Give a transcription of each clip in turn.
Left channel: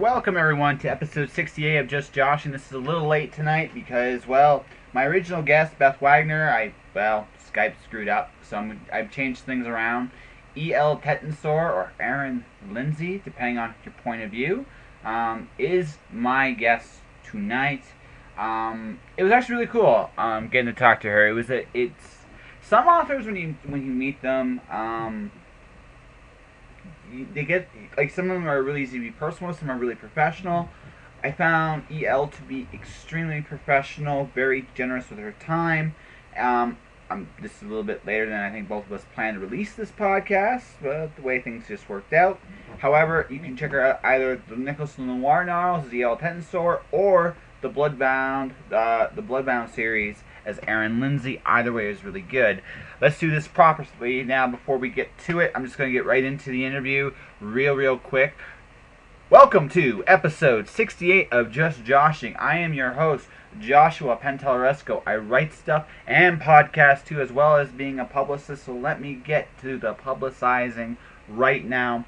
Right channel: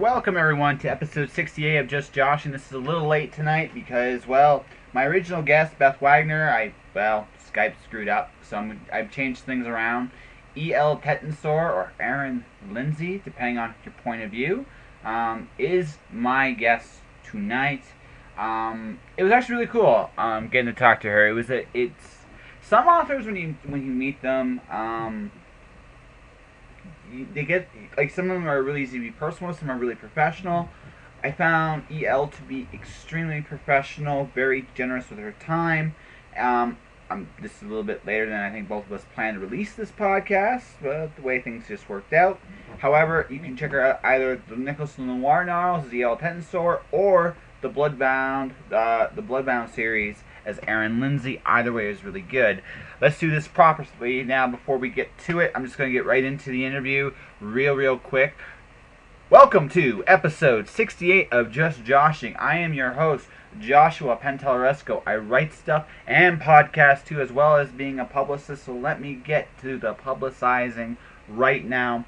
Welcome everyone to episode 68 of Just Josh, and this is a little late tonight because, well, my original guest, Beth Wagner, Skype screwed up, so I've changed things around. E.L. Tettensor, or Erin Lindsey, depending on your point of view, is my guest tonight. It was actually really cool getting to talk to her. It's some authors when you meet them, they get, like, some of them are really easy to be personal, some are really professional. I found EL to be extremely professional, very generous with her time. This is a little bit later than I think both of us planned to release this podcast, but the way things just worked out. However, you can check her out either the Nicholas Noir novels as E.L. Tettensor or the Bloodbound series as Erin Lindsey. Either way is really good. Let's do this properly now. Before we get to it, I'm just going to get right into the interview real quick. Welcome to episode 68 of Just Joshing. I am your host, Joshua Penteleresco. I write stuff and podcast too, as well as being a publicist, so let me get to the publicizing right now.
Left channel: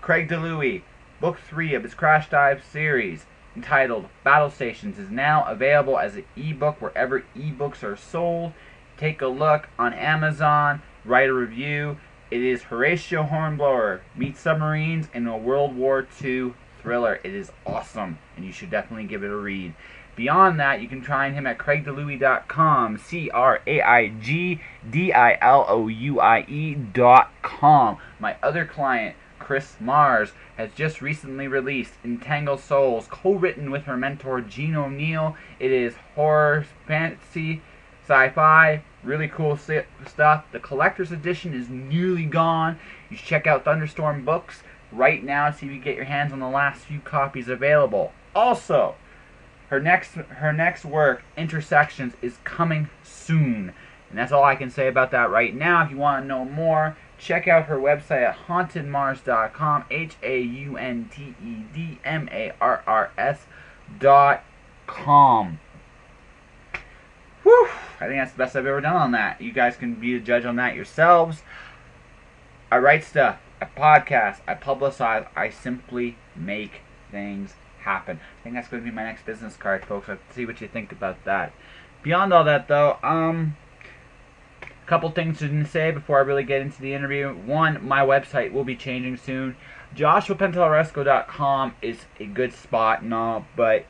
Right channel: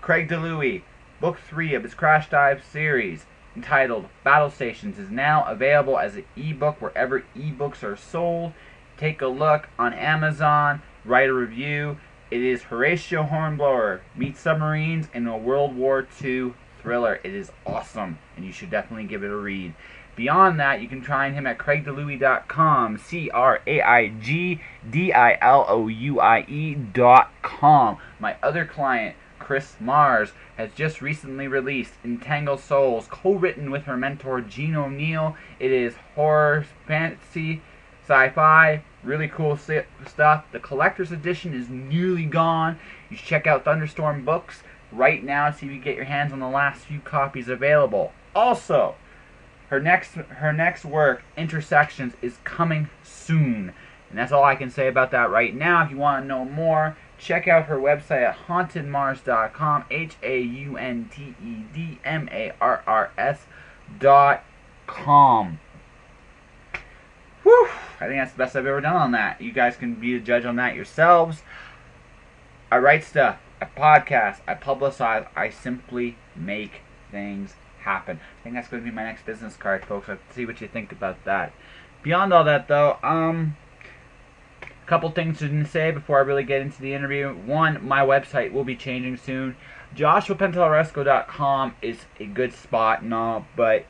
Craig DeLuey, book 3 of his Crash Dive series, entitled Battle Stations, is now available as an ebook wherever ebooks are sold. Take a look on Amazon, write a review. It is Horatio Hornblower meets submarines in a World War II thriller. It is awesome, and you should definitely give it a read. Beyond that, you can find him at craigdeluie.com, CraigDelouie.com. My other client, Chris Mars, has just recently released Entangled Souls, co-written with her mentor Gene O'Neill. It is horror, fantasy, sci-fi, really cool stuff. The collector's edition is nearly gone. You should check out Thunderstorm Books right now to see if you get your hands on the last few copies available. Also, her next work, Intersections, is coming soon. And that's all I can say about that right now. If you want to know more, check out her website at hauntedmars.com, HAUNTEDMARRS.com. Whew! I think that's the best I've ever done on that. You guys can be the judge on that yourselves. I write stuff, I podcast, I publicize, I simply make things happen. I think that's going to be my next business card, folks. Let's see what you think about that. Beyond all that, though, a couple things to say before I really get into the interview. One, my website will be changing soon. JoshuaPenteleresco.com is a good spot and all, but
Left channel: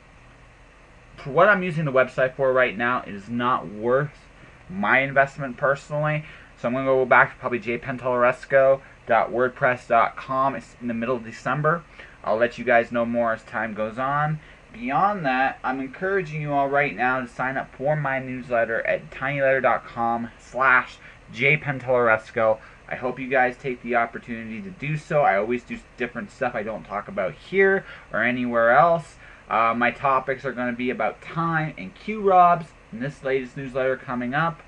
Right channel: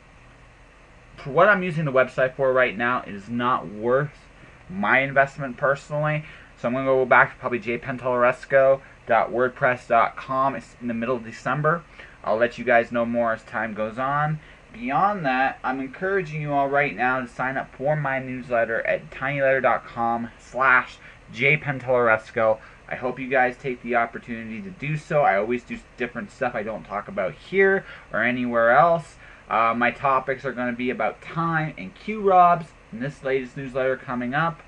for what I'm using the website for right now, it is not worth my investment personally. So I'm going to go back to probably jpenteleresco.wordpress.com. It's in the middle of December. I'll let you guys know more as time goes on. Beyond that, I'm encouraging you all right now to sign up for my newsletter at tinyletter.com/jpenteleresco. I hope you guys take the opportunity to do so. I always do different stuff I don't talk about here or anywhere else. My topics are going to be about time and Q-Robs in this latest newsletter coming up.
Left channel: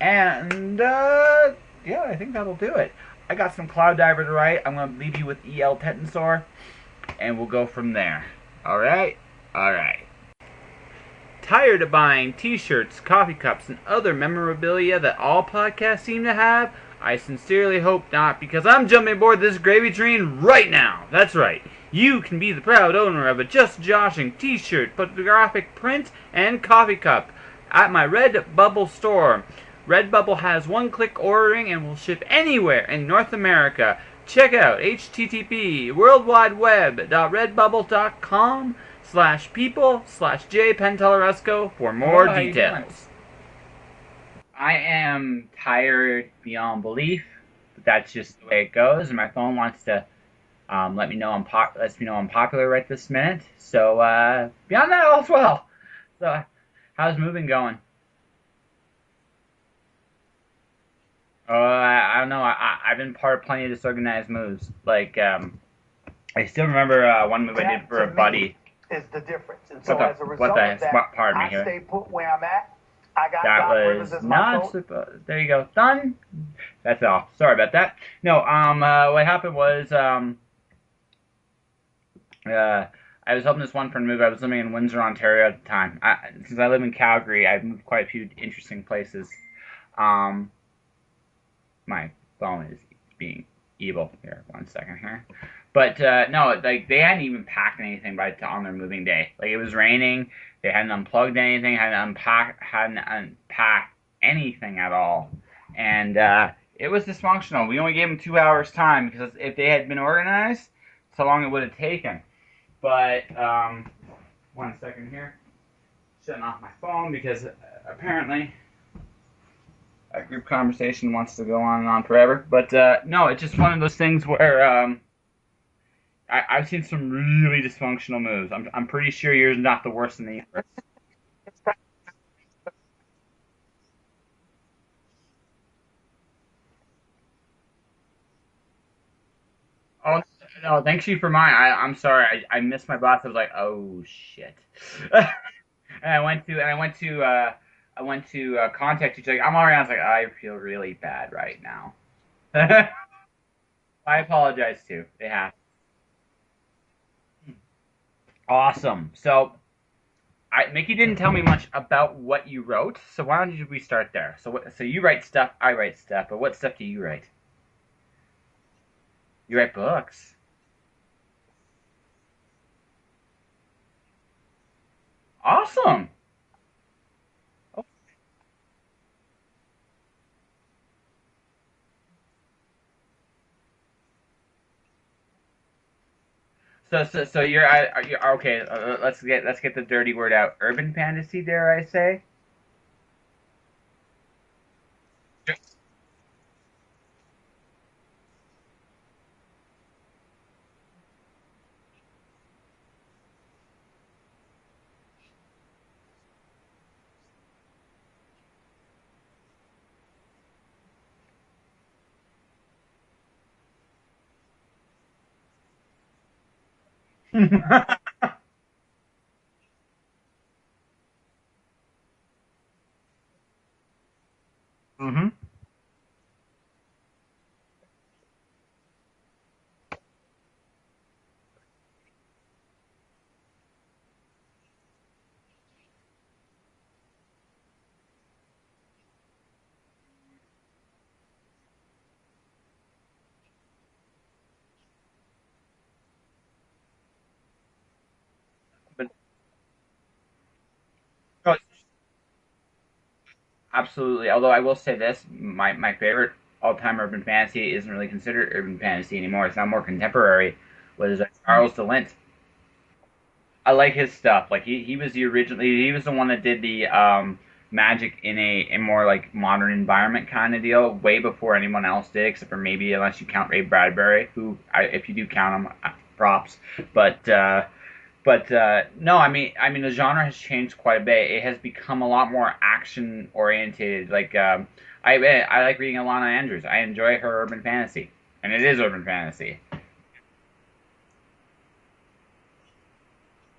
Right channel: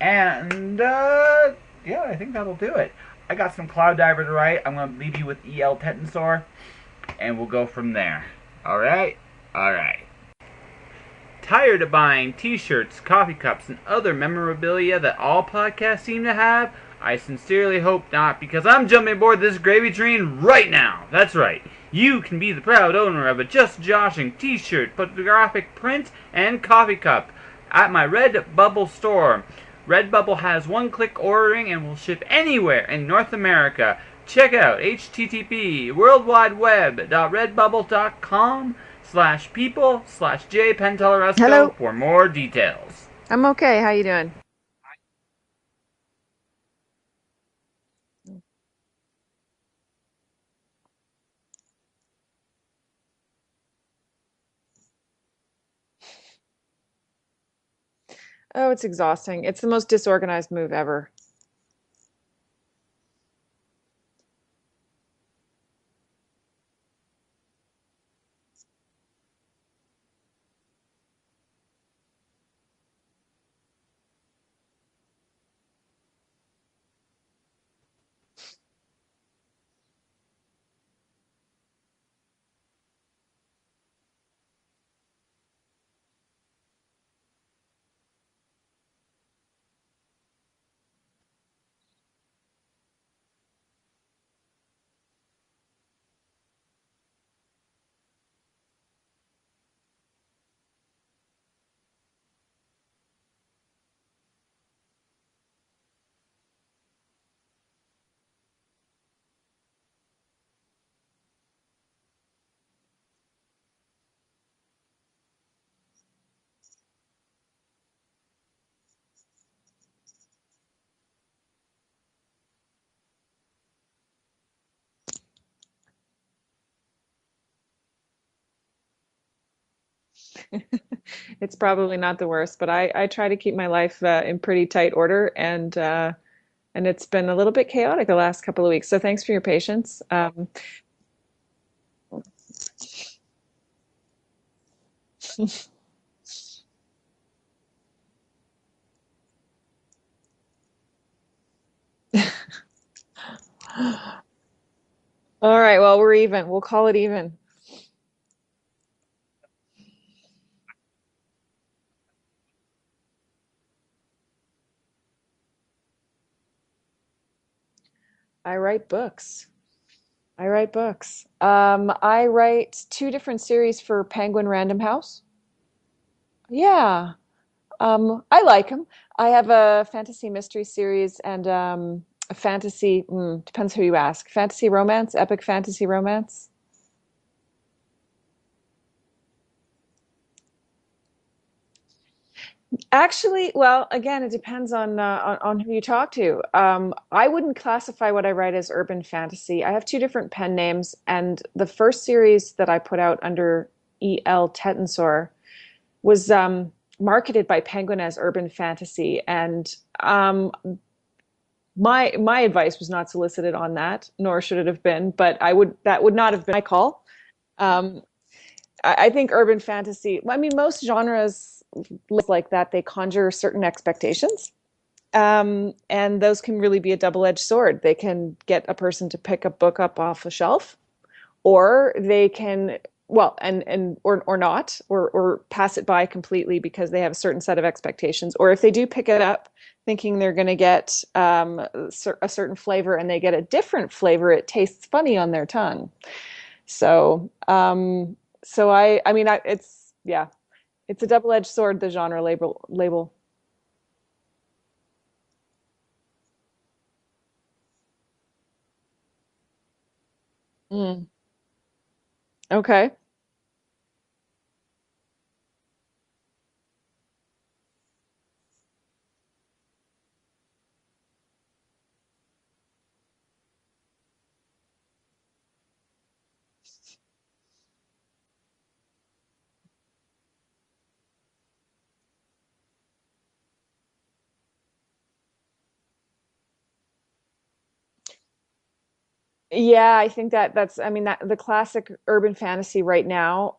And, yeah, I think that'll do it. I got some Cloud Diver to write. I'm going to leave you with E.L. Tettensor, and we'll go from there. Alright? Alright. Tired of buying t-shirts, coffee cups, and other memorabilia that all podcasts seem to have? I sincerely hope not, because I'm jumping aboard this gravy train right now. That's right. You can be the proud owner of a Just Joshing t-shirt, photographic print, and coffee cup at my Redbubble store. Redbubble has one-click ordering and will ship anywhere in North America. Check out http://worldwideweb.redbubble.com/people/jpenteleresco for more details. I'm okay. How you doing? I am tired beyond belief, but that's just the way it goes. And my phone wants to lets me know I'm popular right this minute. So beyond that, all's well. So how's moving going? Oh, it's exhausting. It's the most disorganized move ever. I don't know. I've been part of plenty of disorganized moves. Like I still remember one move I did for a buddy. Is the difference. And so as a result of that, I stay put where I'm at. I got that was not super. There you go. Done. That's all. Sorry about that. No. What happened was I was helping this one friend move. I was living in Windsor, Ontario at the time. Since I live in Calgary, I've moved quite a few interesting places. My phone is being evil here. 1 second here. But no, like they hadn't even packed anything on their moving day. Like it was raining. They hadn't unplugged anything. Hadn't unpacked anything at all. And it was dysfunctional. We only gave them 2 hours time because if they had been organized, that's how long it would have taken. But 1 second here, shutting off my phone because apparently a group conversation wants to go on and on forever. But no, it's just one of those things where I've seen some really dysfunctional moves. I'm pretty sure yours is not the worst in the It's probably not the worst, but I try to keep my life in pretty tight order, and it's been a little bit chaotic the last couple of weeks. So thanks for your patience. Oh, no, thanks you for mine. I'm sorry. I missed my boss. I was like, oh shit. And I went to contact you. Like, I'm already. I was like, I feel really bad right now. I apologize too. It happened. All right. Well, we're even. We'll call it even. Awesome. So, Mickey didn't tell me much about what you wrote. So why don't we start there? So you write stuff. I write stuff. But what stuff do you write? I write books. You write books. I write books. I write 2 different series for Penguin Random House. Awesome. Yeah. I like them. I have a fantasy mystery series and a fantasy, depends who you ask. Fantasy romance, epic fantasy romance. So you're okay. Let's get the dirty word out. Urban fantasy, dare I say? Actually, well, again, it depends on who you talk to. I wouldn't classify what I write as urban fantasy. I have 2 different pen names, and the first series that I put out under E.L. Tettensor was marketed by Penguin as urban fantasy, and my advice was not solicited on that, nor should it have been. But that would not have been my call. I think urban fantasy. I mean, most genres like that, they conjure certain expectations. And those can really be a double-edged sword. They can get a person to pick a book up off a shelf, or they can, well, or not, or pass it by completely because they have a certain set of expectations. Or if they do pick it up thinking they're going to get a certain flavor and they get a different flavor, it tastes funny on their tongue. So, it's a double-edged sword, the genre label. Absolutely. Although I will say this, my favorite all-time urban fantasy isn't really considered urban fantasy anymore. It's now more contemporary. But it's Charles DeLint. Okay. I like his stuff. Like he was the one that did the magic in a more like modern environment kind of deal way before anyone else did, except for maybe unless you count Ray Bradbury, who if you do count him, props. But no, I mean the genre has changed quite a bit. It has become a lot more action oriented. Like I like reading Alana Andrews. I enjoy her urban fantasy, and it is urban fantasy. Yeah, I think that's the classic urban fantasy right now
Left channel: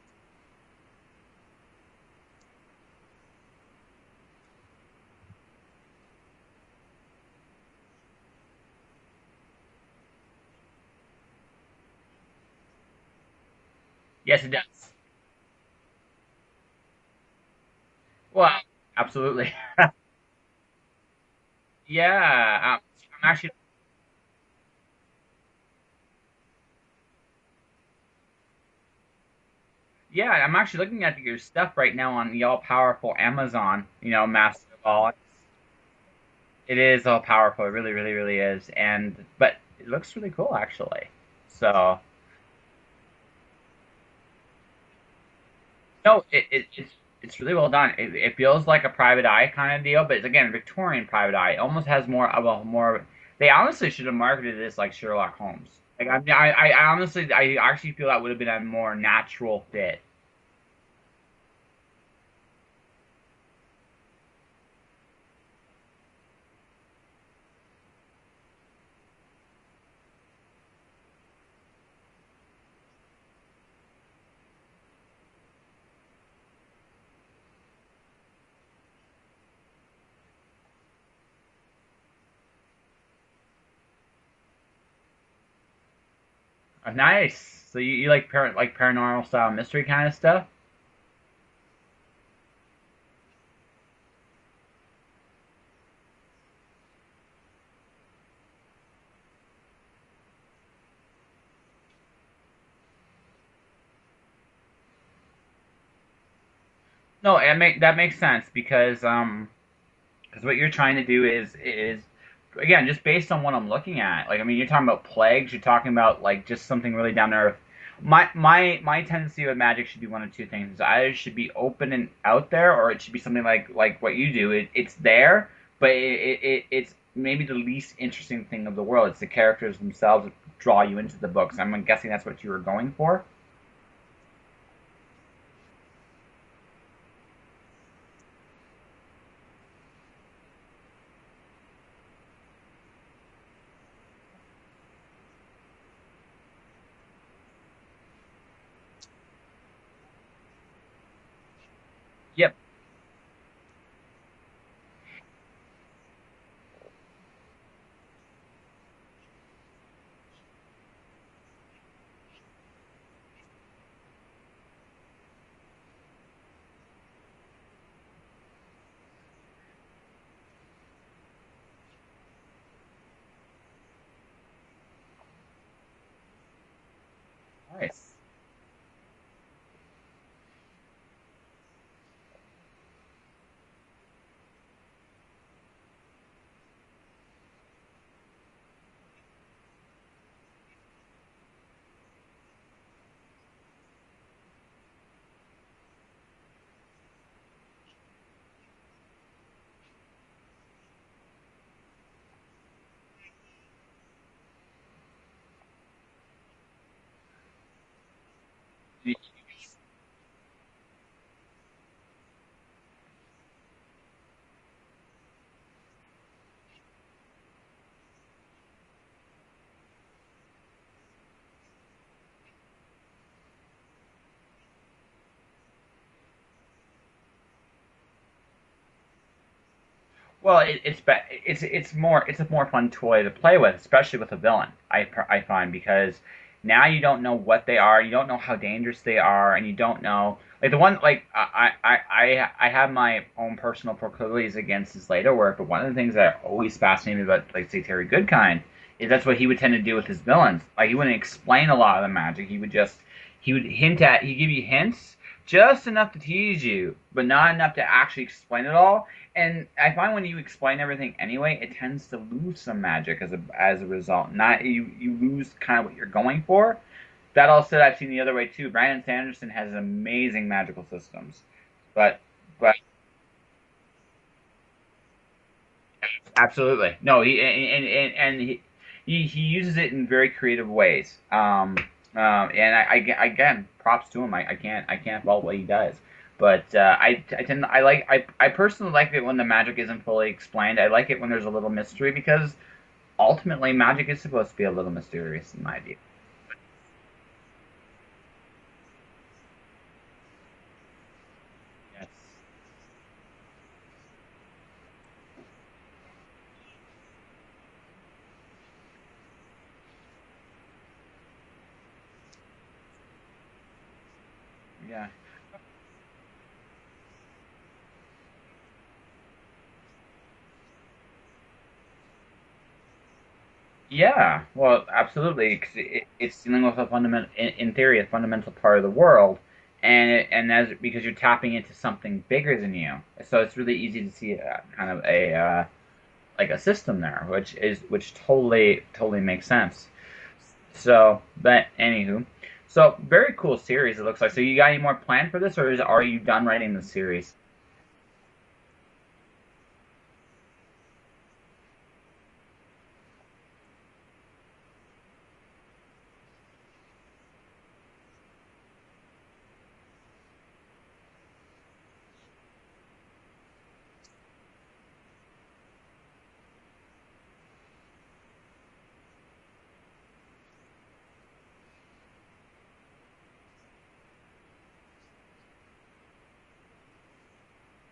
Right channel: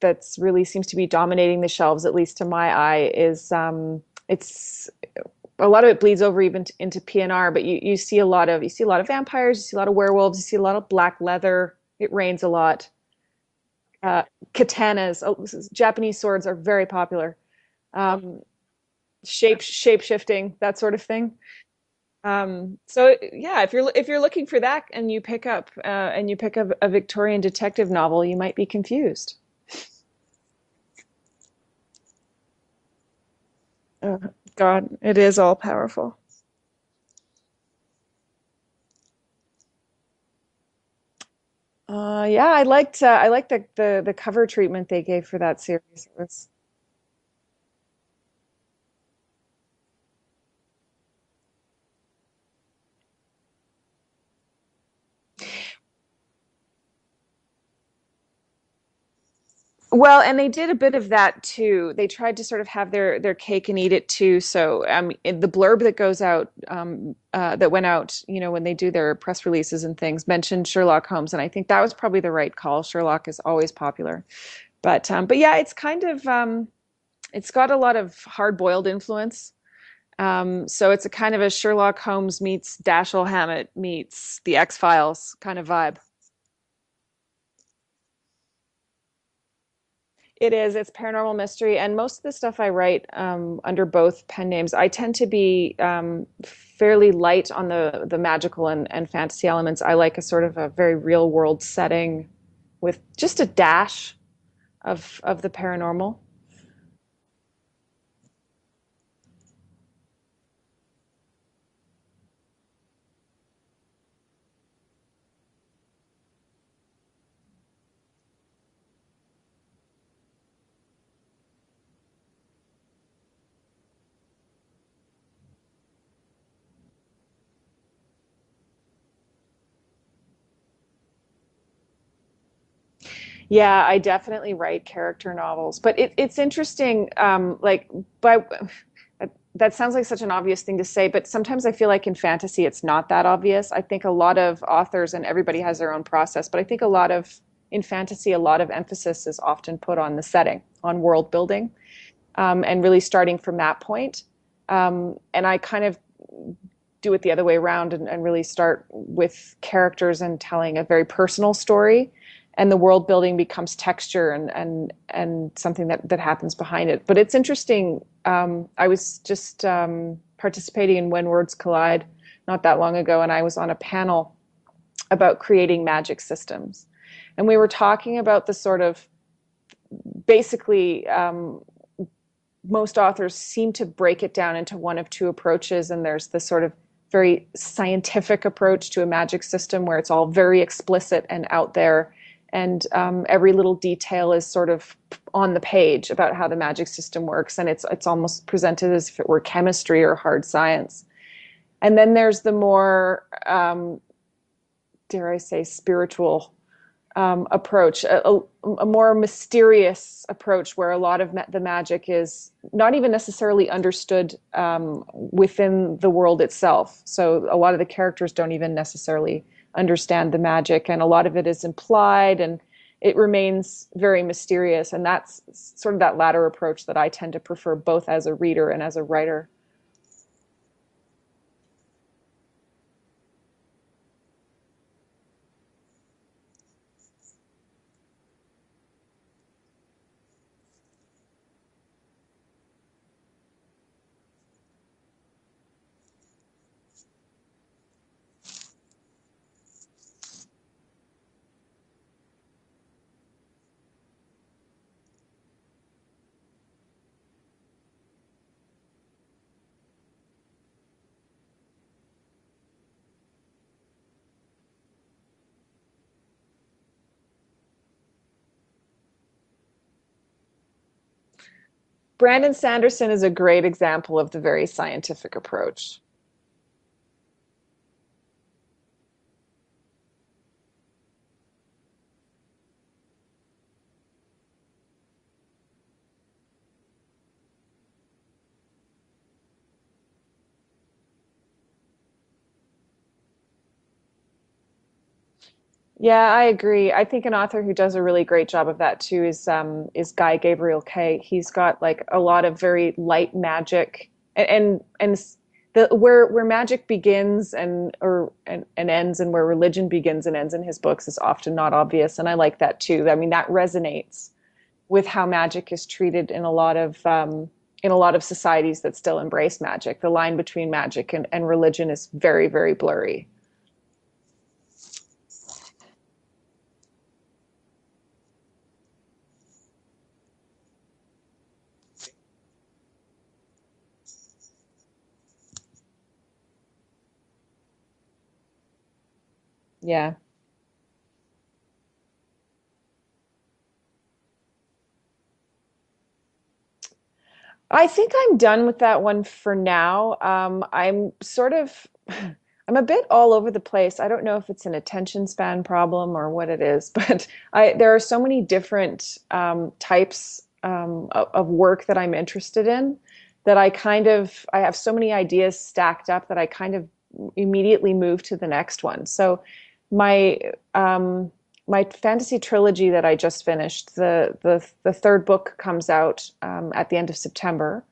that's really seems to be dominating the shelves, at least to my eye, is it's a lot of it bleeds over even into PNR, but you see a lot of vampires, you see a lot of werewolves, you see a lot of black leather. It rains a lot. Yes, it does. Katanas, Japanese swords are very popular. Well, absolutely. Shape shifting, that sort of thing. Yeah. If you're looking for that and you pick up a Victorian detective novel, you might be confused. Yeah, I'm actually looking at your stuff right now on the all-powerful Amazon. Master God, Ball. it is all powerful. It is all powerful. It really, really, really is. But it looks really cool, actually. So. Yeah, I liked the cover treatment they gave for that series. No, it's really well done. It feels like a private eye kind of deal, but it's again Victorian private eye. It almost has more of a more. They honestly should have marketed this like Sherlock Holmes. Like I actually feel that would have been a more natural fit. Well, and they did a bit of that too. They tried to sort of have their cake and eat it too. So the blurb that goes out, that went out, when they do their press releases and things, mentioned Sherlock Holmes, and I think that was probably the right call. Sherlock is always popular, but yeah, it's kind of it's got a lot of hard-boiled influence. So it's a kind of a Sherlock Holmes meets Dashiell Hammett meets The X-Files kind of vibe. Nice. So you like paranormal style mystery kind of stuff? It is. It's paranormal mystery, and most of the stuff I write under both pen names, I tend to be fairly light on the magical and fantasy elements. I like a sort of a very real world setting with just a dash of the paranormal. No, that makes sense because what you're trying to do is again just based on what I'm looking at. Like I mean, you're talking about plagues. You're talking about like just something really down to earth. My tendency with magic should be one of two things. It's either it should be open and out there, or it should be something like what you do. It's there, but it's maybe the least interesting thing of the world. It's the characters themselves that draw you into the books. I'm guessing that's what you were going for. Yeah, I definitely write character novels, but it's interesting. That sounds like such an obvious thing to say, but sometimes I feel like in fantasy it's not that obvious. I think a lot of authors, and everybody has their own process, but I think in fantasy, a lot of emphasis is often put on the setting, on world building, and really starting from that point. And I kind of do it the other way around and really start with characters and telling a very personal story, and the world building becomes texture and something that happens behind it. But it's interesting. I was just participating in When Words Collide not that long ago, and I was on a panel about creating magic systems. And we were talking about the sort of basically most authors seem to break it down into one of two approaches, and there's the sort of very scientific approach to a magic system where it's all very explicit and out there, and every little detail is sort of on the page about how the magic system works, and it's almost presented as if it were chemistry or hard science. And then there's the more, dare I say, spiritual approach, a more mysterious approach where a lot of the magic is not even necessarily understood within the world itself. So a lot of the characters don't even necessarily understand the magic, and a lot of it is implied, and it remains very mysterious. And that's sort of that latter approach that I tend to prefer, both as a reader and as a writer. Well, it's a more fun toy to play with, especially with a villain. I find because now you don't know what they are, you don't know how dangerous they are, and you don't know like the one like I have my own personal proclivities against his later work, but one of the things that always fascinated me about like say Terry Goodkind is that's what he would tend to do with his villains. Like he wouldn't explain a lot of the magic. He'd give you hints just enough to tease you, but not enough to actually explain it all. And I find when you explain everything anyway, it tends to lose some magic as a result. Not you lose kind of what you're going for. That all said, I've seen the other way too. Brandon Sanderson has amazing magical systems, but Brandon Sanderson is a great example of the very scientific approach. Absolutely, no, he uses it in very creative ways. And I again, props to him. I can't fault what he does. But I personally like it when the magic isn't fully explained. I like it when there's a little mystery because ultimately magic is supposed to be a little mysterious in my view. Yeah, I agree. I think an author who does a really great job of that too is Guy Gabriel Kay. He's got like a lot of very light magic, and where magic begins and ends, and where religion begins and ends in his books is often not obvious, and I like that too. I mean, that resonates with how magic is treated in a lot of societies that still embrace magic. The line between magic and religion is very, very blurry. Yeah, well, absolutely. It's dealing with a fundamental, in theory, a fundamental part of the world, because you're tapping into something bigger than you, so it's really easy to see kind of a like a system there, which totally makes sense. Yeah. So, but anywho. So, very cool series, it looks like. So, you got any more planned for this, or are you done writing the series? I think I'm done with that one for now. I'm a bit all over the place. I don't know if it's an attention span problem or what it is, but there are so many different types of work that I'm interested in that I have so many ideas stacked up that I kind of immediately move to the next one. So my fantasy trilogy that I just finished, the third book comes out at the end of September.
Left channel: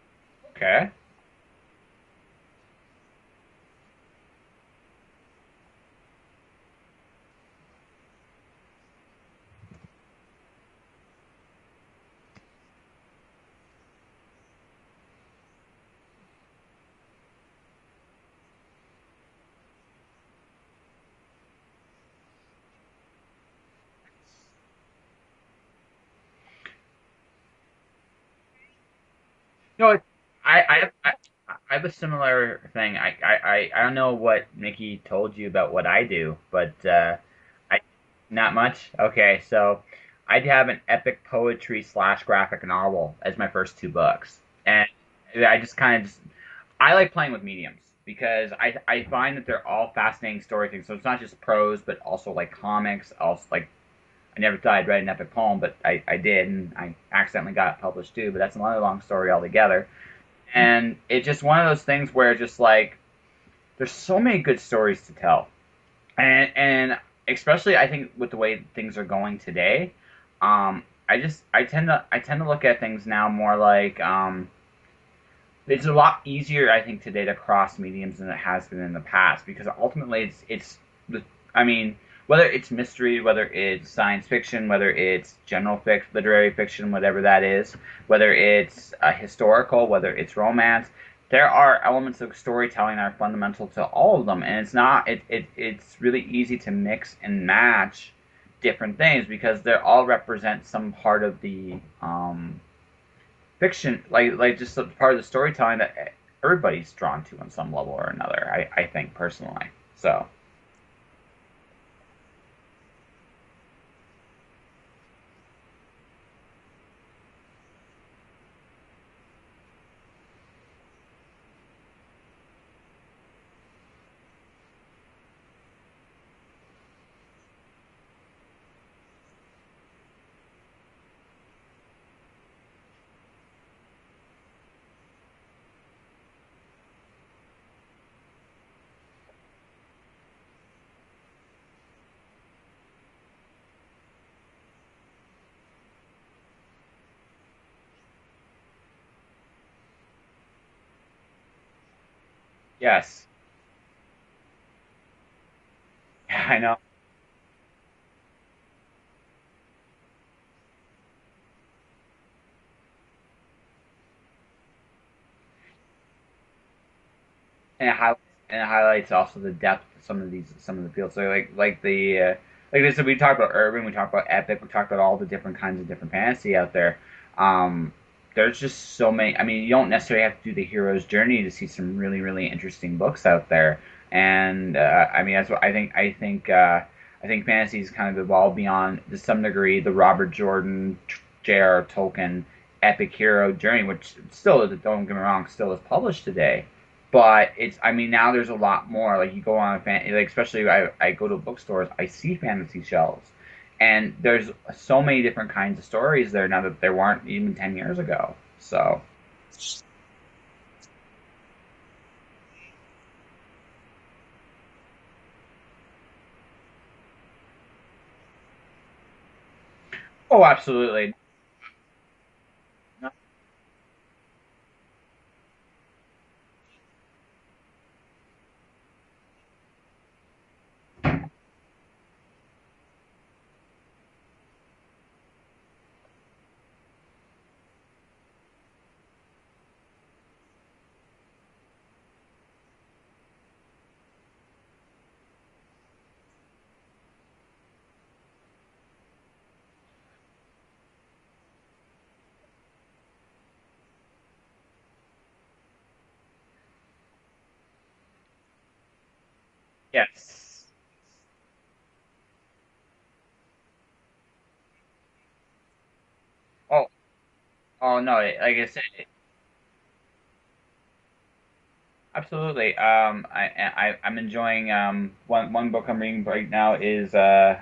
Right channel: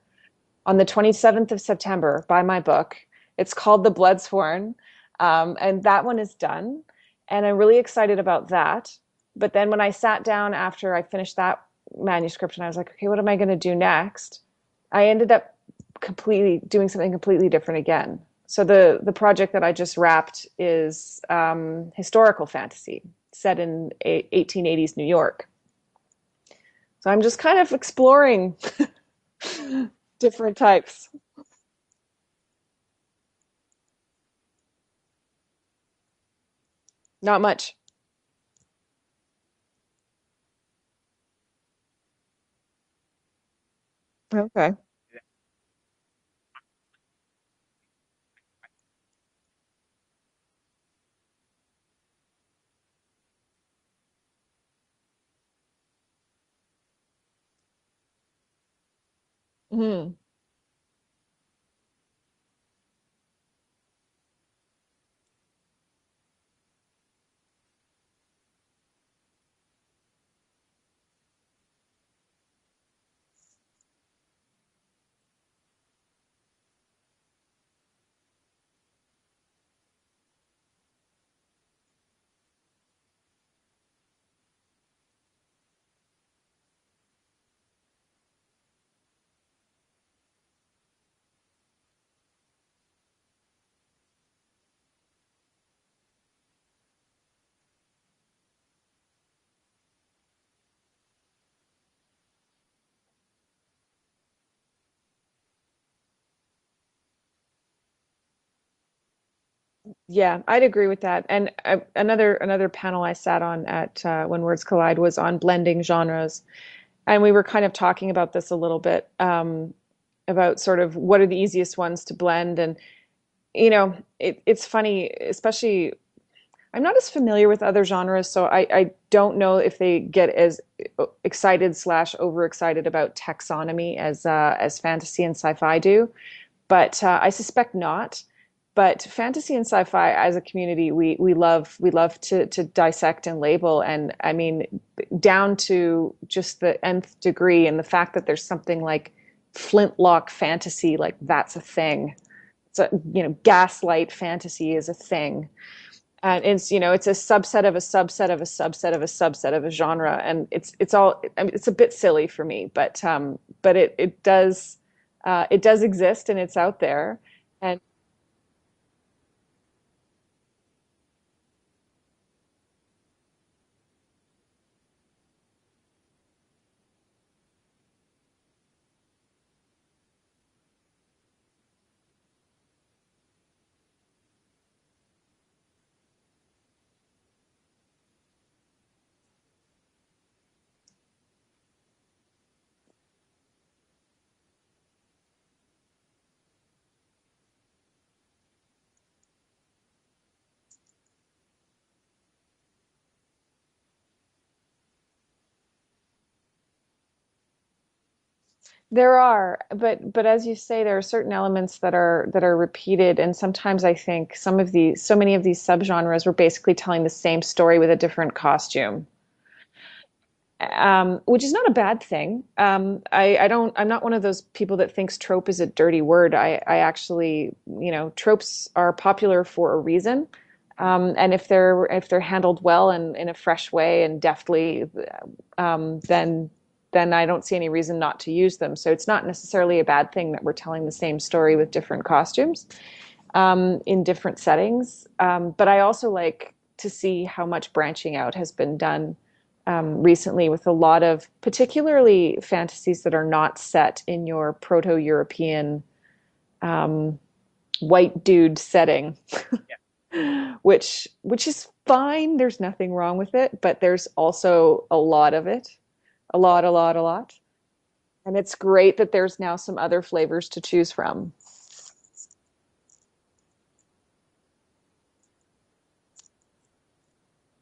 Okay. On the 27th of September, buy my book. It's called The Bloodsworn, and that one is done. And I'm really excited about that. But then when I sat down after I finished that manuscript and I was like, okay, what am I going to do next? I ended up completely doing something completely different again. So the project that I just wrapped is historical fantasy set in 1880s New York. So I'm just kind of exploring No, different types. I have a similar thing. I don't know what Nikki told you about what I do, but Not much. not much. Okay, so I have an epic poetry slash graphic novel as my first two books, Okay. and I just kind of I like playing with mediums because I find that they're all fascinating story things. So it's not just prose, but also like comics. Also like I never thought I'd write an epic poem, but I did, and I accidentally got it published too. But that's another long story altogether. Mm. And it's just one of those things where just like there's so many good stories to tell, and especially I think with the way things are going today, I tend to look at things now more like it's a lot easier I think today to cross mediums than it has been in the past because ultimately it's the I mean whether it's mystery, whether it's science fiction, whether it's general fiction, literary fiction, whatever that is, whether it's historical, whether it's romance, there are elements of storytelling that are fundamental to all of them, and it's really easy to mix and match different things because they all represent some part of the fiction, like just a part of the storytelling that everybody's drawn to on some level or another. I think personally. So Yeah, I'd agree with that. And another panel I sat on at When Words Collide was on blending genres, and we were kind of talking about this a little bit, about sort of what are the easiest ones to blend. And it's funny, especially I'm not as familiar with other genres, so I don't know if they get as excited slash overexcited about taxonomy as fantasy and sci-fi do, but I suspect not. But fantasy and sci-fi as a community, we love to dissect and label, and I mean down to just the nth degree, and the fact that there's something like flintlock fantasy, like that's a thing. So yes, gaslight fantasy is a thing. I It's know. it's a subset of a subset of a subset of a subset of a genre, and it's all. I mean, it's a bit silly for me, but it does exist and it's out there, and And it highlights also the depth of some of the fields. So like this, we talked about urban, we talked about epic, we talked about all the different kinds of different fantasy out there. Um, there's just so many. I mean, you don't necessarily have to do the hero's journey to see some really interesting books out there. And I mean, that's what I think. I think fantasy's kind of evolved beyond to some degree the Robert Jordan, J.R. Tolkien epic hero journey, which still, don't get me wrong, still is published today. But it's, I mean, now there's a lot more. Like you go on like especially I go to bookstores, I see fantasy shelves, and there's so many different kinds of stories there now that there weren't even 10 years ago. So there are, but as you say, there are certain elements that are repeated, and sometimes I think so many of these subgenres were basically telling the same story with a different costume. oh, absolutely. Which is not a bad thing. I'm not one of those people that thinks trope is a dirty word. I actually, tropes are popular for a reason. And if they're handled well and in a fresh way and deftly, then I don't see any reason not to use them. So it's not necessarily a bad thing that we're telling the same story with different costumes, in different settings. But I also like to see how much branching out has been done, recently, with a lot of particularly fantasies that are not set in your proto-European, um, white dude setting, Yeah. which is fine. There's nothing wrong with it, but there's also a lot of it, Oh, a lot, oh no, and it's like I great that there's now some other flavors to choose from. absolutely. I'm enjoying one book I'm reading right now is I'm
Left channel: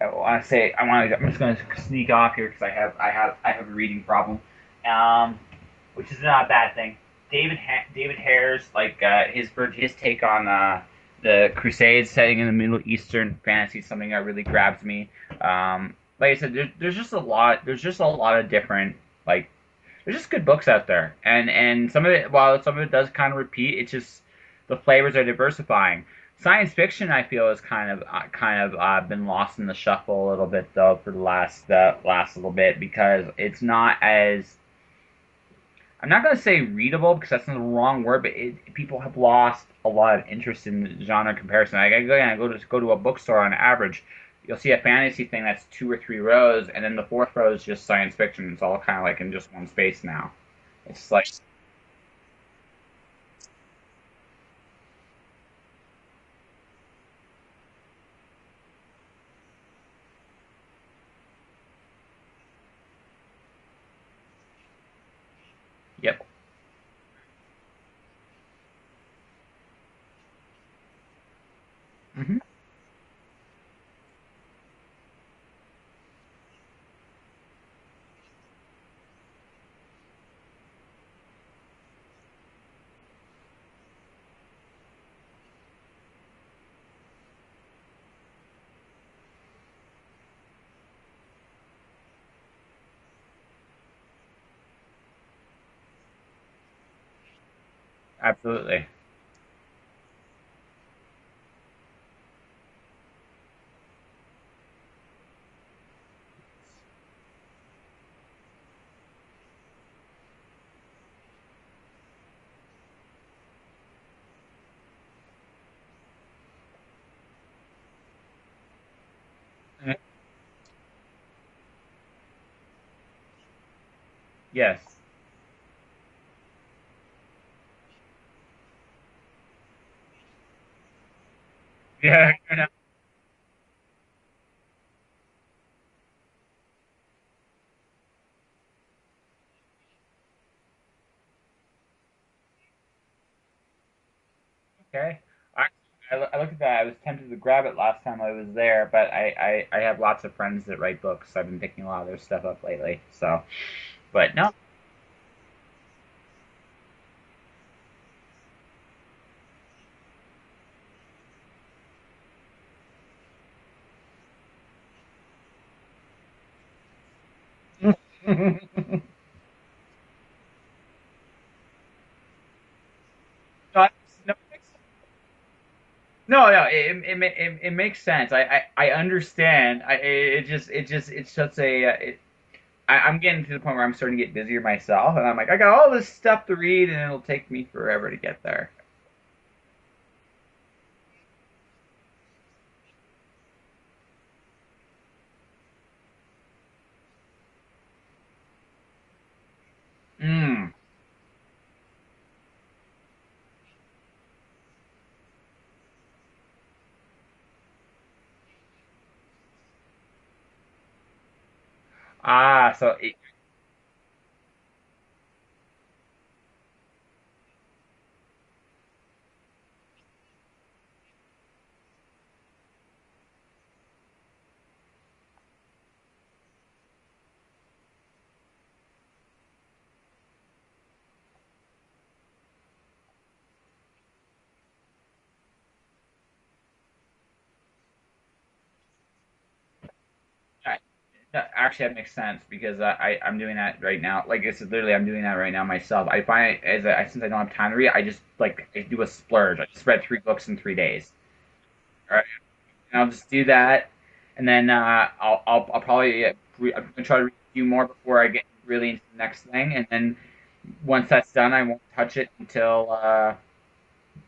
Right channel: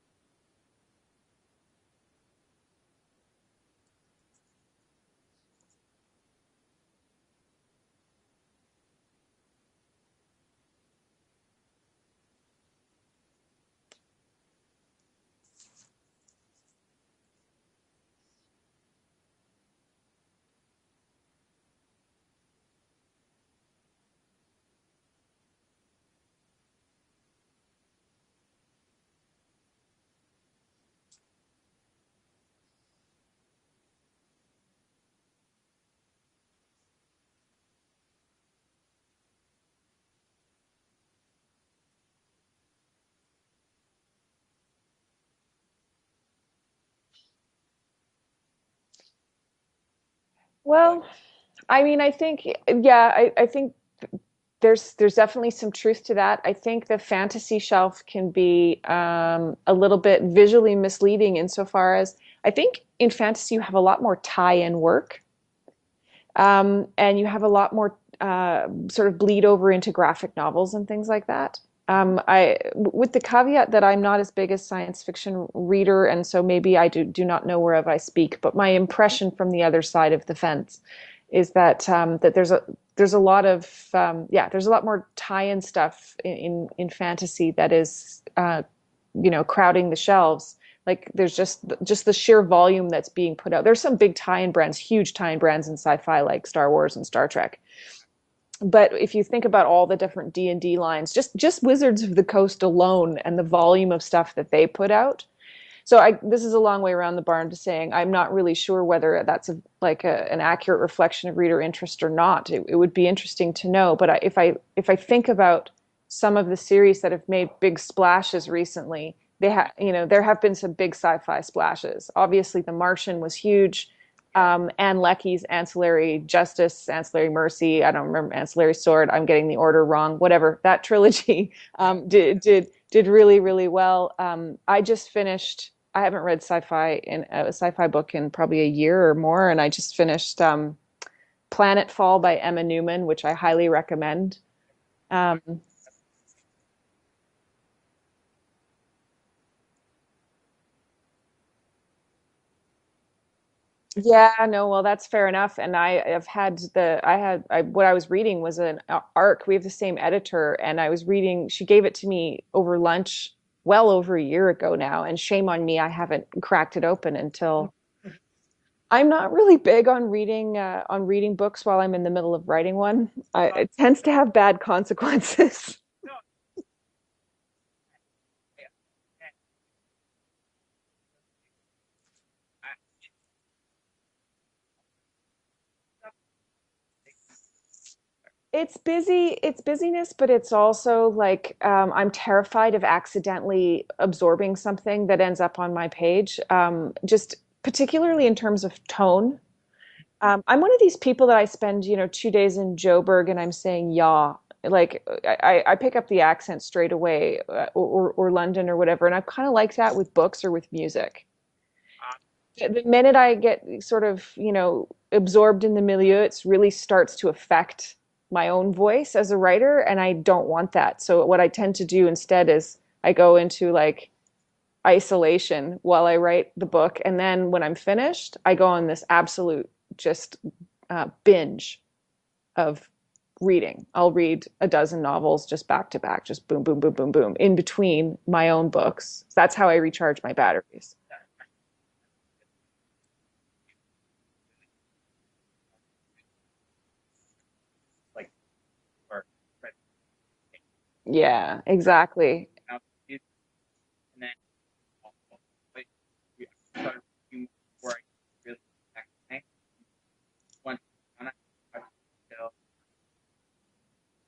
just gonna sneak off here because I have a reading problem, um, which is not a bad thing. David Hare's like his take on the Crusades setting in the Middle Eastern fantasy, something that really grabs me. Like I said, there's just a lot. There's just a lot of different like there's just good books out there, and some of it, while some of it does kind of repeat, it's just the flavors are diversifying. Science fiction, I feel, has kind of been lost in the shuffle a little bit though for the last little bit because it's not as, I'm not gonna say readable because that's not the wrong word, but people have lost a lot of interest in the genre comparison. I go to a bookstore on average, you'll see a fantasy thing that's 2 or 3 rows, and then the fourth row is just science fiction. It's all kind of like in just one space now. Well, It's like, I mean, I think, yeah, I think there's definitely some truth to that. I think the fantasy shelf can be a little bit visually misleading insofar as I think in fantasy you have a lot more tie-in work, yep. and you have a lot more sort of bleed over into graphic novels and things like that. With the caveat that I'm not as big a science fiction reader, and so maybe I do not know whereof I speak, but my impression from the other side of the fence is that that there's a lot of there's a lot more tie-in stuff in fantasy that is crowding the shelves. Like there's just the sheer volume that's being put out. There's some big tie-in brands, huge tie-in brands in sci-fi like Star Wars and Star Trek. Absolutely. But if you think about all the different D&D lines, just Wizards of the Coast alone and the volume of stuff that they put out. So this is a long way around the barn to saying I'm not really sure whether that's an accurate reflection of reader interest or not. It would be interesting to know. But if I think about some of the series that have made big splashes recently, there have been some big sci-fi splashes. Obviously, The Martian was huge. Yes. Anne Leckie's Ancillary Justice, Ancillary Mercy, I don't remember, Ancillary Sword, I'm getting the order wrong, whatever. That trilogy did really, really well. I haven't read a sci-fi book in probably a year or more, and I just finished Planetfall by Emma Newman, which I highly recommend. Okay. I looked at that. I was tempted to grab it last time I was there, but I have lots of friends that write books. So I've been picking a lot of their stuff up lately. So yeah, no. no, well, that's fair enough. And what I was reading was an arc. We have the same editor, and I was reading. She gave it to me over lunch, well over a year ago now. And shame on me, I haven't cracked it open until. I'm not really big on reading books while I'm in the middle of writing one. It tends to have bad consequences. No, it makes sense. I understand. It's just I'm getting to the point where I'm starting to get busier myself, and I'm like, I got all this stuff to read, and it'll take me forever to get there. It's busyness, but it's also like I'm terrified of accidentally absorbing something that ends up on my page. Just particularly in terms of tone. I'm one of these people that I spend 2 days in Joburg and I'm saying yaw. Like I pick up the accent straight away, or London or whatever, and I kind of like that with books or with music. The minute I get sort of absorbed in the milieu, it really starts to affect my own voice as a writer, and I don't want that. So what I tend to do instead is I go into like isolation while I write the book, and then when I'm finished, I go on this absolute just binge of reading. I'll read a dozen novels just back to back, just boom, boom, boom, boom, boom, in between my own books. That's how I recharge my batteries. Actually, that makes sense because I'm doing that right now. Like it's literally, I'm doing that right now myself. I find since I don't have time to read, I just I do a splurge. I just read 3 books in 3 days. Yeah, exactly. Right? I'll just do that, and then I'll probably I'm gonna try to read a few more before I get really into the next thing, and then once that's done, I won't touch it until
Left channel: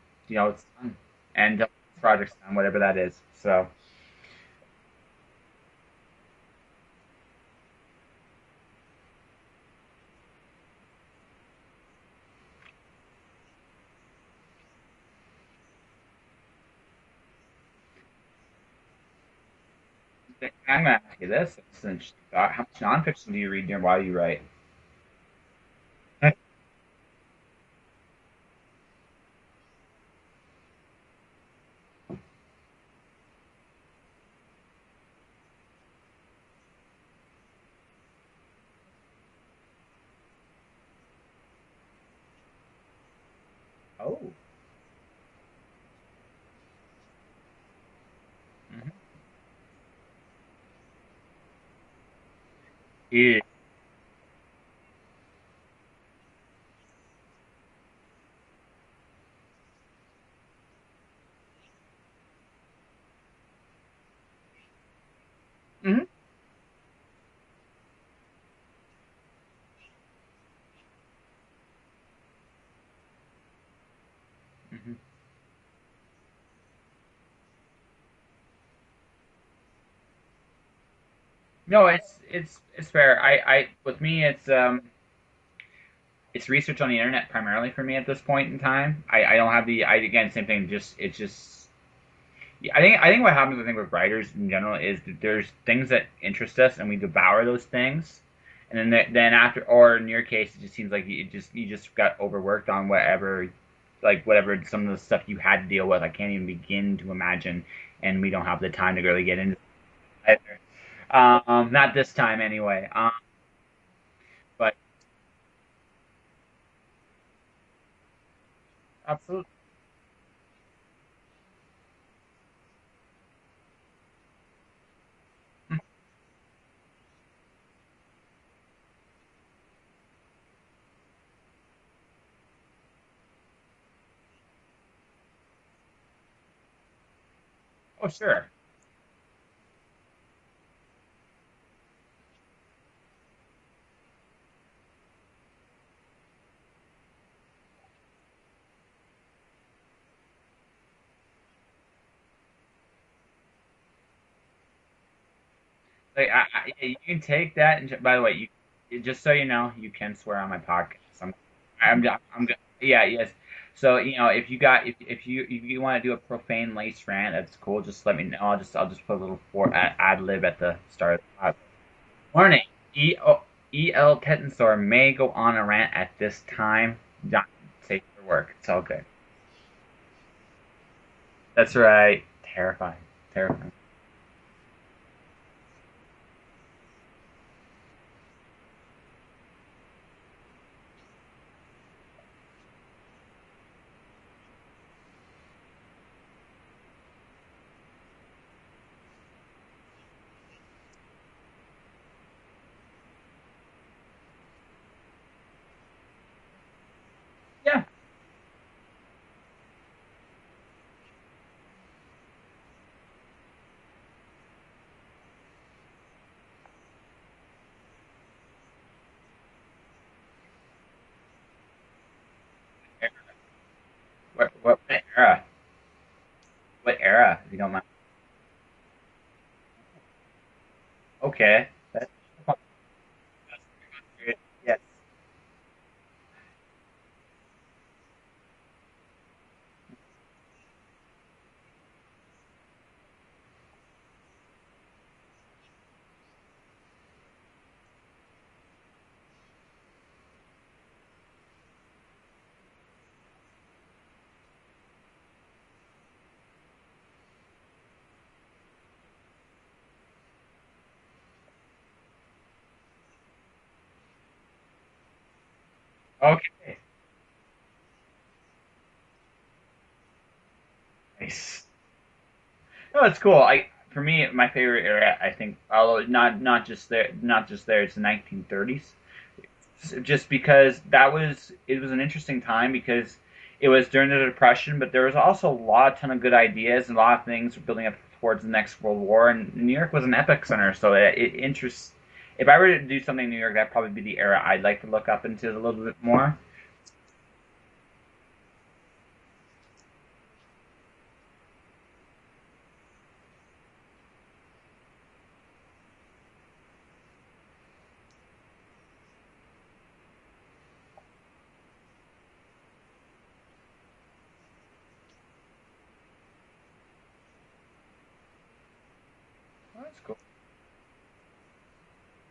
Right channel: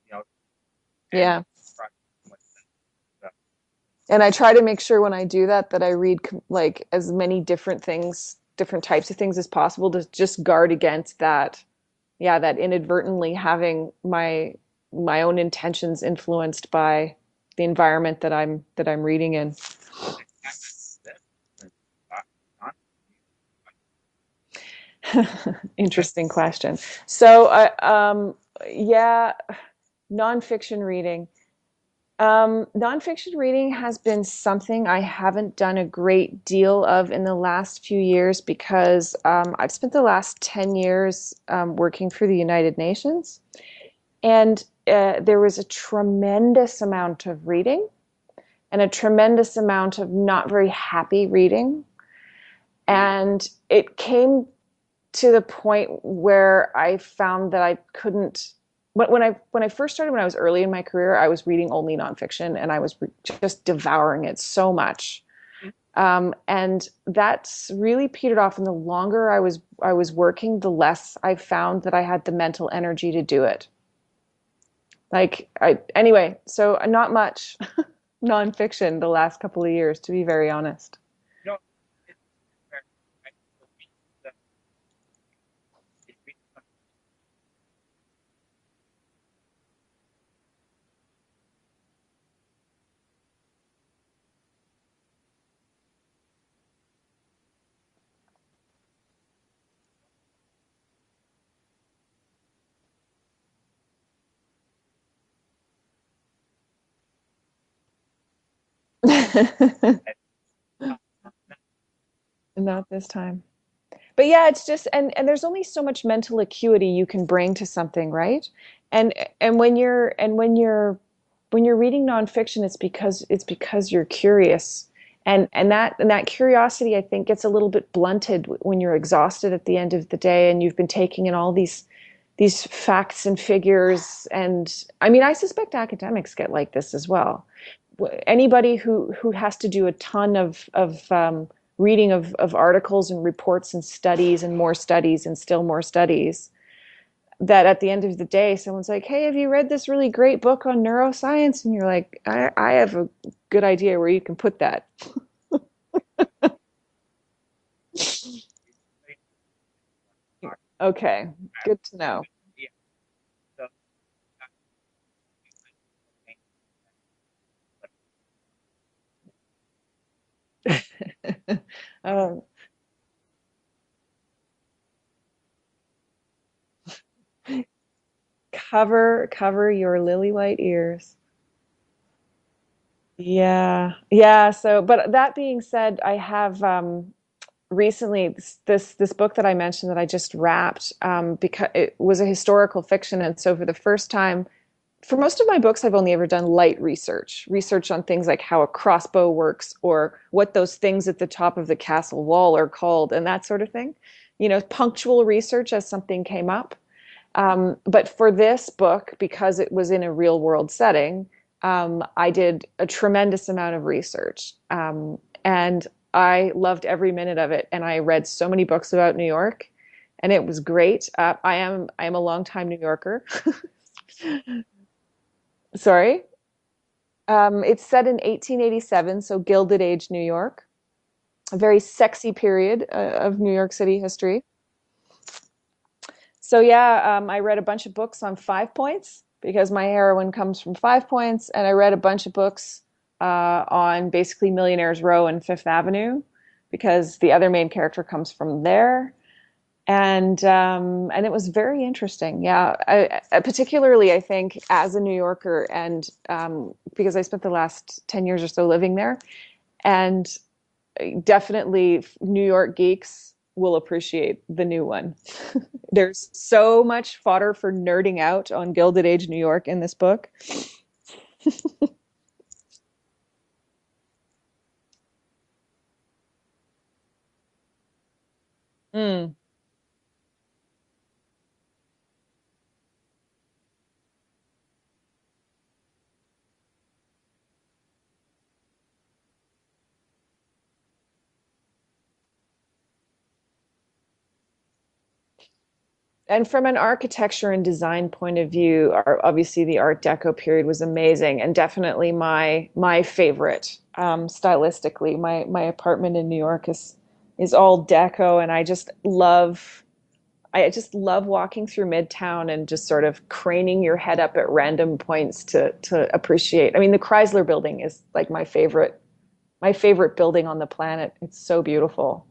it's done. Yeah. And the project's done, whatever that is. So. And I try to make sure when I do that I read like as many different things, different types of things as possible to just guard against that. Yeah, that inadvertently having my own intentions influenced by the environment that I'm reading in. I'm gonna ask you this: how much nonfiction do you read while you write? Interesting question. So, nonfiction reading. Nonfiction reading has been something I haven't done a great deal of in the last few years because I've spent the last 10 years working for the United Nations. Oh. And there was a tremendous amount of reading and a tremendous amount of not very happy reading. And it came to the point where I found that I couldn't when I first started, when I was early in my career, I was reading only nonfiction, and I was just devouring it so much. And that's really petered off. And the longer I was working, the less I found that I had the mental energy to do it. Like anyway, so not much nonfiction the last couple of years, to be very honest. No, it's fair. I with me, it's research on the internet primarily for me at this point in time. I don't have again, same thing. It's just I think what happens, I think, with writers in general is that there's things that interest us and we devour those things, and then after, or in your case, it just seems like you just got overworked on whatever, like whatever some of the stuff you had to deal with. I can't even begin to imagine, and we don't have the time to go get into it either. Not this time anyway. Not this time. But yeah, it's but, just and there's only so much mental acuity you can bring to something, right? And absolutely. and when you're reading nonfiction, it's because you're curious. And that curiosity, I think, gets a little bit blunted when you're exhausted at the end of the day and you've been taking in all these facts and figures. And I mean, I suspect academics get like this as well. Well, sure. Anybody who has to do a ton of reading of articles and reports and studies and more studies and still more studies, that at the end of the day, someone's like, hey, have you read this really great book on neuroscience? And you're like, I have a good idea where you can put that. Like, you can take that, and by the way, just so you know, you can swear on my podcast. Okay, good to know. Yeah, yes. So if you want to do a profane lace rant, that's cool. Just let me know. I'll just put a little ad lib at the start of the Warning: E.L. Tetensor may go on a rant at this time. Not safe for work. Cover your lily white ears. That's right. Terrifying. Yeah. Yeah. So, but that being said, I have recently this book that I mentioned that I just wrapped, because it was a historical fiction. And so for the first time, for most of my books, I've only ever done light research on things like how a crossbow works or what those things at the top of the castle wall are called and that sort of thing. Punctual research as something came up. But for this book, because it was in a real world setting, I did a tremendous amount of research, and I loved every minute of it. And I read so many books about New York, and it was great. I am a longtime New Yorker. What era? Sorry? What era? It's set in 1887, so Gilded Age New York. Okay. A very sexy period of New York City history. Yeah. So yeah, I read a bunch of books on 5 Points because my heroine comes from 5 Points, and I read a bunch of books on basically Millionaires Row and Fifth Avenue because the other main character comes from there, and it was very interesting. Yeah, particularly I think as a New Yorker, and because I spent the last 10 years or so living there, and definitely New York geeks will appreciate the new one. There's so much fodder for nerding out on Gilded Age New York in this book. Nice. No, it's cool. For me, my favorite era, I think, although not just there, it's the 1930s. Just because it was an interesting time because it was during the Depression, but there was also a ton of good ideas and a lot of things were building up towards the next World War, and New York was an epic center, so it interests. If I were to do something in New York, that'd probably be the era I'd like to look up into a little bit more. And from an architecture and design point of view, obviously the Art Deco period was amazing, and definitely my favorite stylistically. My apartment in New York is all deco, and I just love walking through Midtown and just sort of craning your head up at random points to appreciate. I mean, the Chrysler Building is like my favorite building on the planet. It's so beautiful.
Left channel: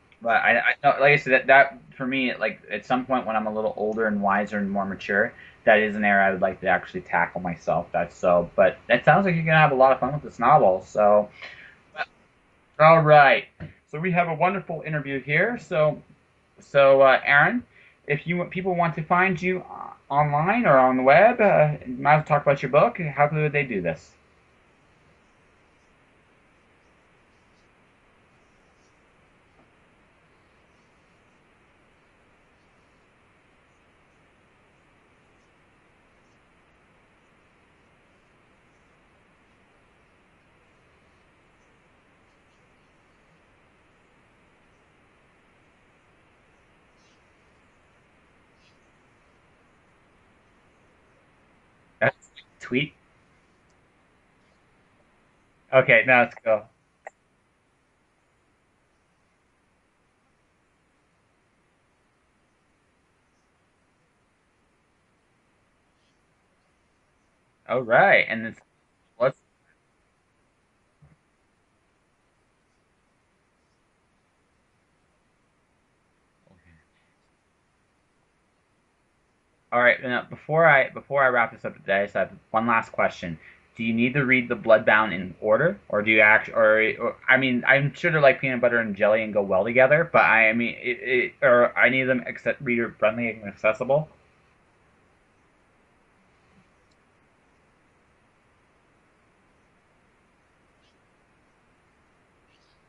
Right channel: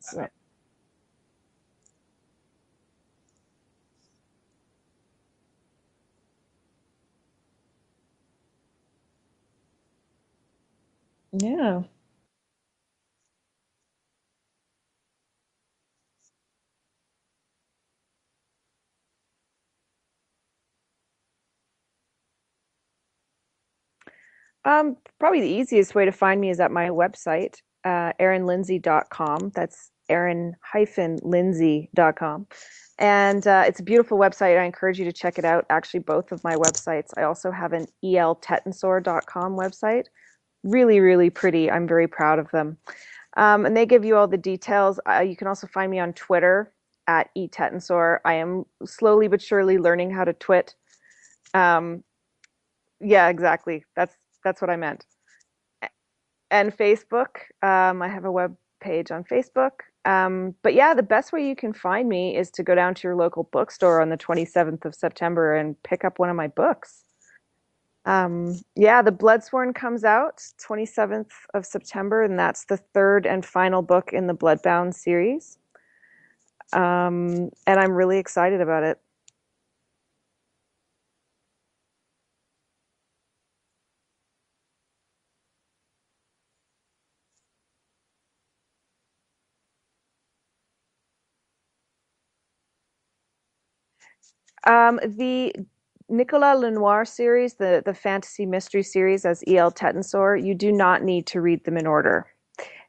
So. I like I said, that for me, like at some point when I'm a little older and wiser and more mature, that is an era I would like to actually tackle myself. But it sounds like you're gonna have a lot of fun with this novel. So yeah. All right. So we have a wonderful interview here. So Erin, if people want to find you online or on the web, you might as well talk about your book. How would they do this? Probably the easiest way to find me is at my website, erinlindsey.com. That's Erin-Lindsey.com. And it's a beautiful website. I encourage you to check it out. Actually, both of my websites. I also have an eltetensor.com website. Really, really pretty. I'm very proud of them. And they give you all the details. You can also find me on Twitter at etetensor. I am slowly but surely learning how to twit. Tweet? Yeah, exactly. That's what I meant. Okay, now it's cool. And Facebook. I have a web page on Facebook. But yeah, the best way you can find me is to go down to your local bookstore on the 27th of September and pick up one of my books. All right. And yeah, The Bloodsworn comes out 27th of September, and that's the third and final book in the Bloodbound series. And I'm really excited about it. All right. Now, before I wrap this up today, I just have one last question. Do you need to read the Bloodbound in order, or do you actually, or I mean, I'm sure they're like peanut butter and jelly and go well together, but I mean, or I need them reader friendly and accessible. The Nicolas Lenoir series, the fantasy mystery series as E.L. Tetensor, you do not need to read them in order.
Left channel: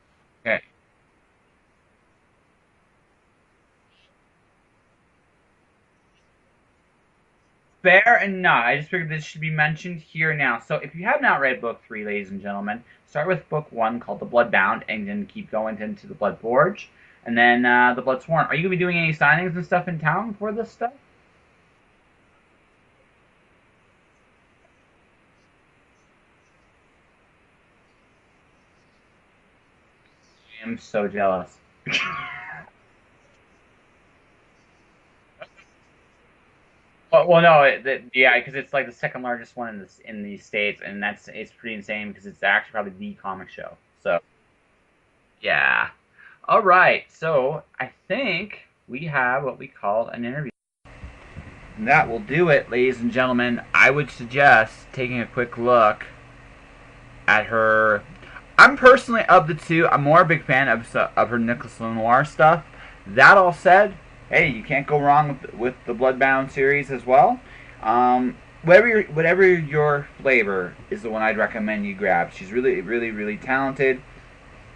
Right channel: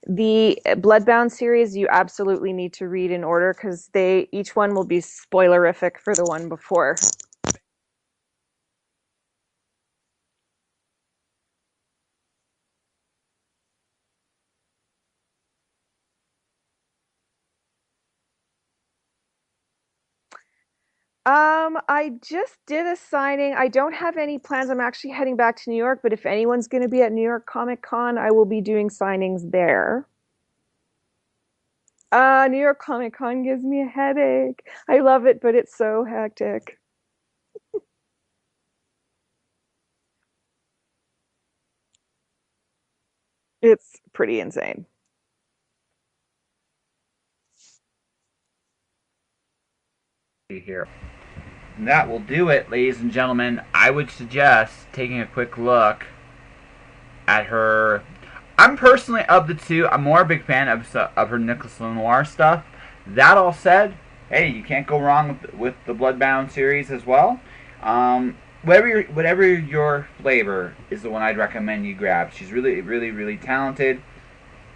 The Bloodbound series, you absolutely need to read in order because each one will be spoilerific for the one before. Fair enough. I just figured this should be mentioned here now. So if you have not read book 3, ladies and gentlemen, start with book 1 called The Bloodbound, and then keep going into The Bloodforge, and then The Bloodsworn. Are you going to be doing any signings and stuff in town for this stuff? I just did a signing. I don't have any plans. I'm actually heading back to New York, but if anyone's going to be at New York Comic Con, I will be doing signings there. I am so jealous. New York Comic Con gives me a headache. I love it, but it's so hectic. Well, no, yeah, because it's like the second largest one in the States, and it's pretty insane because it's actually probably the comic show. It's pretty insane. Yeah. All right, so I think we have what we call an interview here. And that will do it, ladies and gentlemen. I would suggest taking a quick look at her. I'm personally, of the two, I'm more a big fan of her Nicolas Lenoir stuff. That all said, hey, you can't go wrong with the Bloodbound series as well. Whatever your flavor is the one I'd recommend you grab. She's really, really, really talented.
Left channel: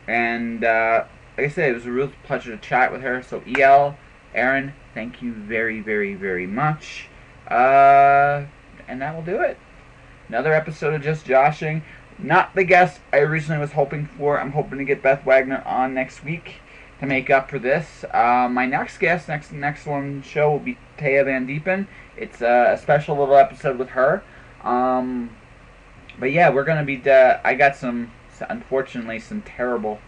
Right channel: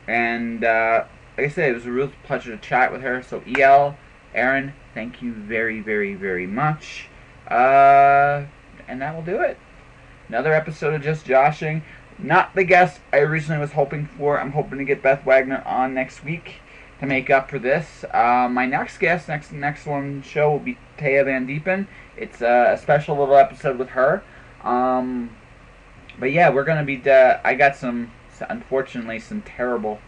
And like I said, it was a real pleasure to chat with her. So EL, Erin, thank you very, very, very much. And that will do it. Another episode of Just Joshing. Not the guest I originally was hoping for. I'm hoping to get Beth Wagner on next week to make up for this. My next guest, next one show will be Taya Van Diepen. It's a special little episode with her. But yeah, we're gonna be. I got unfortunately, some terrible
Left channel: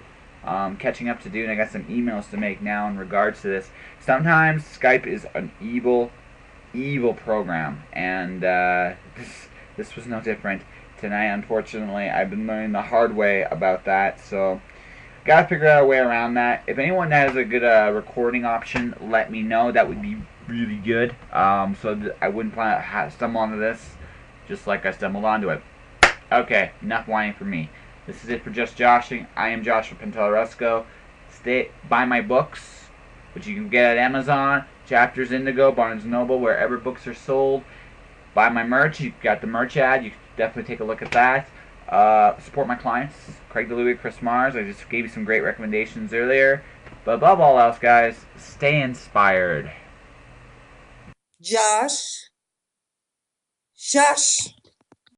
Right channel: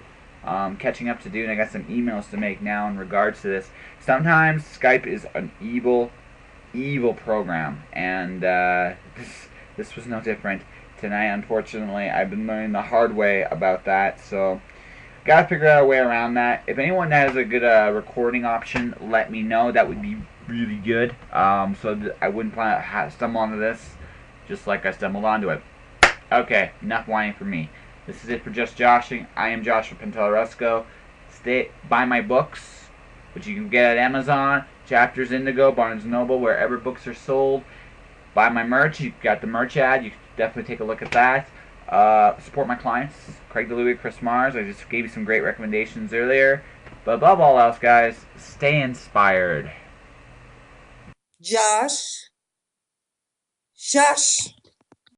catching up to do, and I got some emails to make now in regards to this. Sometimes Skype is an evil, evil program, and this was no different. Tonight, unfortunately, I've been learning the hard way about that, so gotta figure out a way around that. If anyone has a good recording option, let me know. That would be really good, so I wouldn't stumble onto this just like I stumbled onto it. Okay, enough whining for me. This is it for Just Joshing. I am Joshua Pantelleresco. Buy my books, which you can get at Amazon, Chapters Indigo, Barnes & Noble, wherever books are sold. Buy my merch. You've got the merch ad. You can definitely take a look at that. Support my clients, Craig DeLuey, Chris Mars. I just gave you some great recommendations earlier. But above all else, guys, stay inspired. Josh.